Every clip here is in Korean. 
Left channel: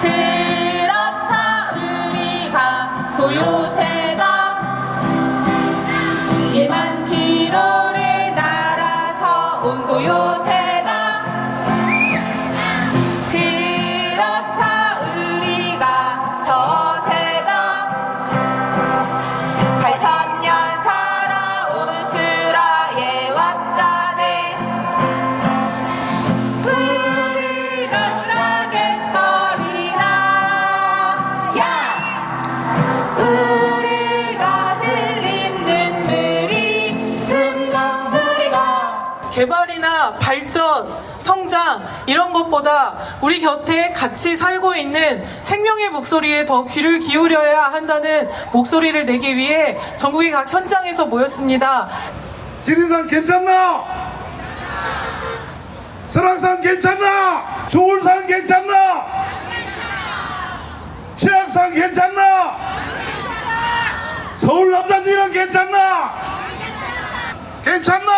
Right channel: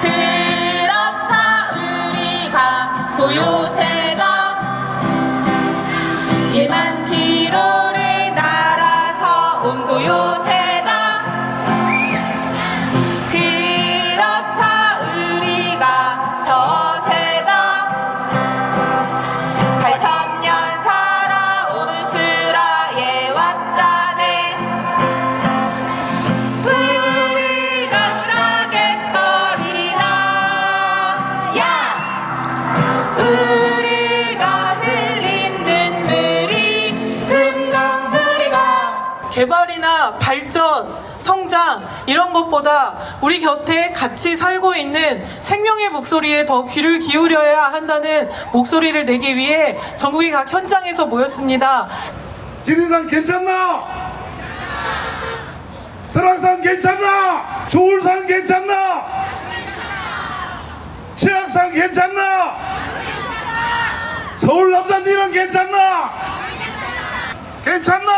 그렇다 우리가 도요새다 1만 킬로를 날아서 온 도 요새 개발이나 발전, 성장 이런 것보다 우리 곁에 같이 살고 있는 생명의 목소리에 더 귀를 기울여야 한다는 목소리를 내기 위해 전국의 각 현장에서 모였습니다. 지리산 괜찮나? 설악산 괜찮나? 조울산 괜찮나? 치악산 괜찮나? 서울 남산리는 괜찮나? 괜찮나?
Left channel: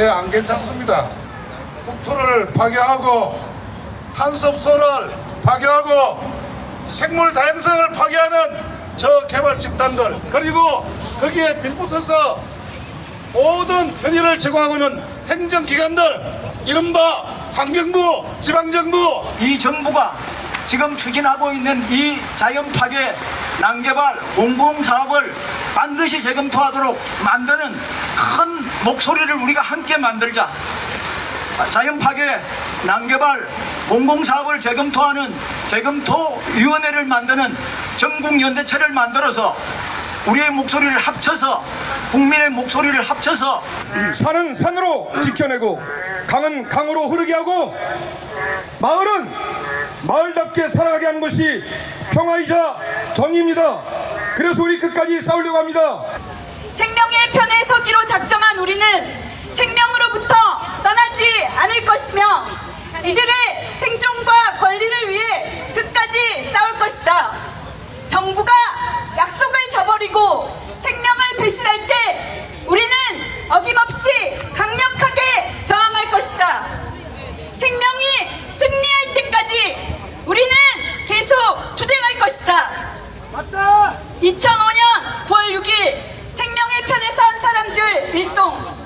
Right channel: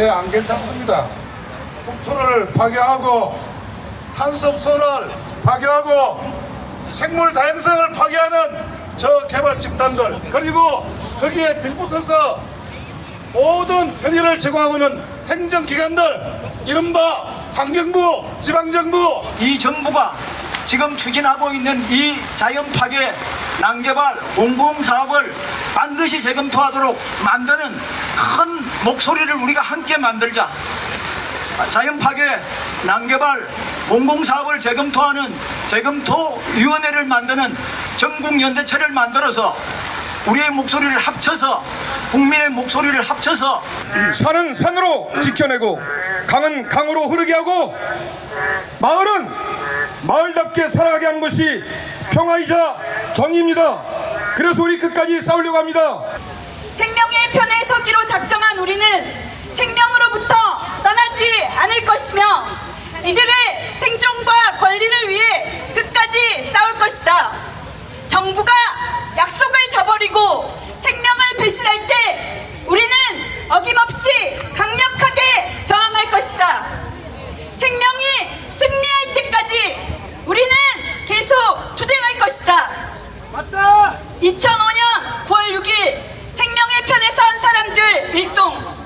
예, 안 괜찮습니다. 국토를 파괴하고 한섭선을 파괴하고 생물 다양성을 파괴하는 저 개발 집단들 그리고 거기에 빌붙어서 모든 편의를 제공하고 있는 행정기관들 이른바 환경부, 지방정부 이 정부가 지금 추진하고 있는 이 자연 파괴 난개발 공공 사업을 반드시 재검토하도록 만드는 큰 목소리를 우리가 함께 만들자. 자연 파괴 난개발 공공사업을 재검토하는 재검토위원회를 만드는 전국연대체를 만들어서 우리의 목소리를 합쳐서 국민의 목소리를 합쳐서 산은 산으로 지켜내고 강은 강으로 흐르게 하고 마을은 마을답게 살아가게 하는 것이 평화이자 정의입니다. 그래서 우리 끝까지 싸우려고 합니다. 생명의 편에 서기로 작 어김없이 강력하게 저항할 것이다. 생명이 승리할 때까지 우리는 계속 투쟁할 것이다. 2005년 9월 6일 생명의 편에 선 사람들 일동